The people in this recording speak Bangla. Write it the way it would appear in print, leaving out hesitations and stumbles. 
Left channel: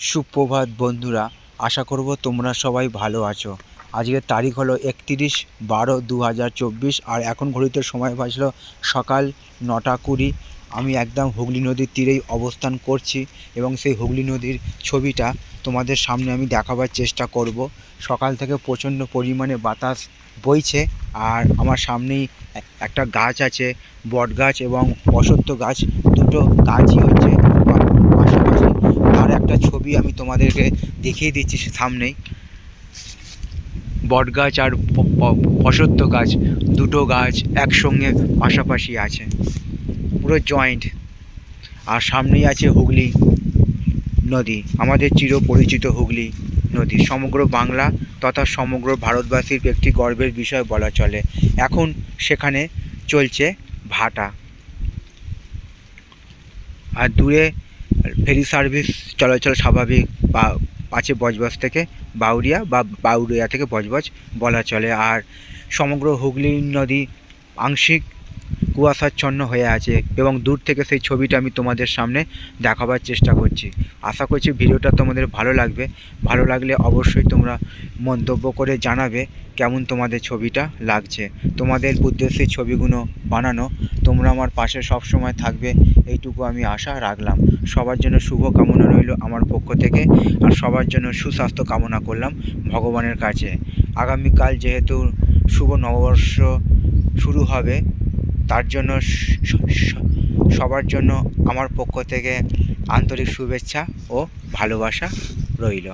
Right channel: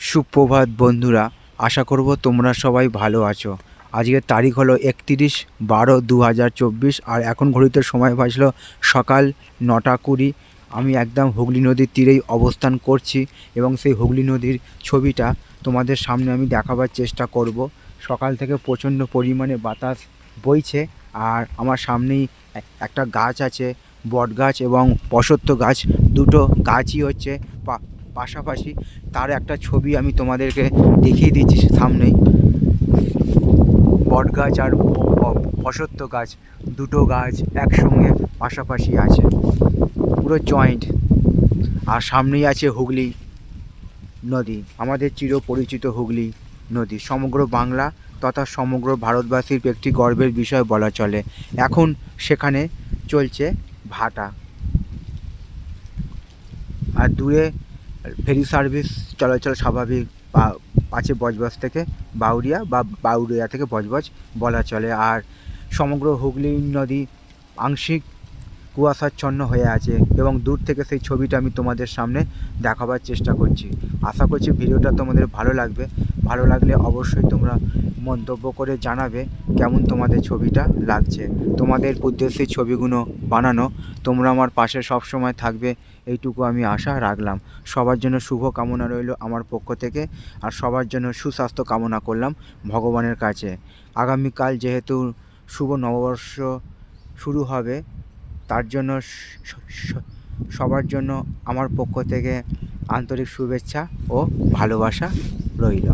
সুপ্রভাত বন্ধুরা, আশা করব তোমরা সবাই ভালো আছো। আজকের তারিখ হলো 31/12/2024 আর এখন ঘড়িতে সময় বাজলো সকাল 9:20। আমি একদম হুগলি নদীর তীরেই অবস্থান করছি এবং সেই হুগলি নদীর ছবিটা তোমাদের সামনে আমি দেখাবার চেষ্টা করব। সকাল থেকে প্রচণ্ড পরিমাণে বাতাস বইছে আর আমার সামনেই একটা গাছ আছে, বট গাছ এবং অশ্বত্থ গাছ, দুটো গাছই হচ্ছে পাশাপাশি। তার একটা ছবি আমি তোমাদেরকে দেখিয়ে দিচ্ছি সামনেই। বট গাছ আর অশ্বত্থ গাছ, দুটো গাছ একসঙ্গে পাশাপাশি আছে, পুরো জয়েন্ট। আর সামনেই আছে হুগলি নদী, আমাদের চিরপরিচিত হুগলি নদী, সমগ্র বাংলা তথা সমগ্র ভারতবাসীর একটি গর্বের বিষয় বলা চলে। এখন সেখানে চলছে ভাটা, আর দূরে ফেরি সার্ভিস চলাচল স্বাভাবিক আছে বজবজ থেকে বাউরিয়া বা বাউরিয়া থেকে বজবজ বলা চলে। আর সমগ্র হুগলি নদী আংশিক কুয়াশাচ্ছন্ন হয়ে আছে এবং দূর থেকে সেই ছবিটা আমি তোমাদের সামনে দেখাবার চেষ্টা করছি। আশা করছি ভিডিওটা তোমাদের ভালো লাগবে। ভালো লাগলে অবশ্যই তোমরা মন্তব্য করে জানাবে কেমন তোমাদের ছবিটা লাগছে। তোমাদের উদ্দেশ্যে ছবিগুলো বানানো, তোমরা আমার পাশে সবসময় থাকবে এইটুকু আমি আশা রাখলাম। সবার জন্য শুভ কামনা রইল আমার পক্ষ থেকে, আর সবার জন্য সুস্বাস্থ্য কামনা করলাম ভগবানের কাছে। আগামীকাল যেহেতু শুভ নববর্ষ শুরু হবে, তার জন্য সবার জন্য আমার পক্ষ থেকে আন্তরিক শুভেচ্ছা ও ভালোবাসা রইল।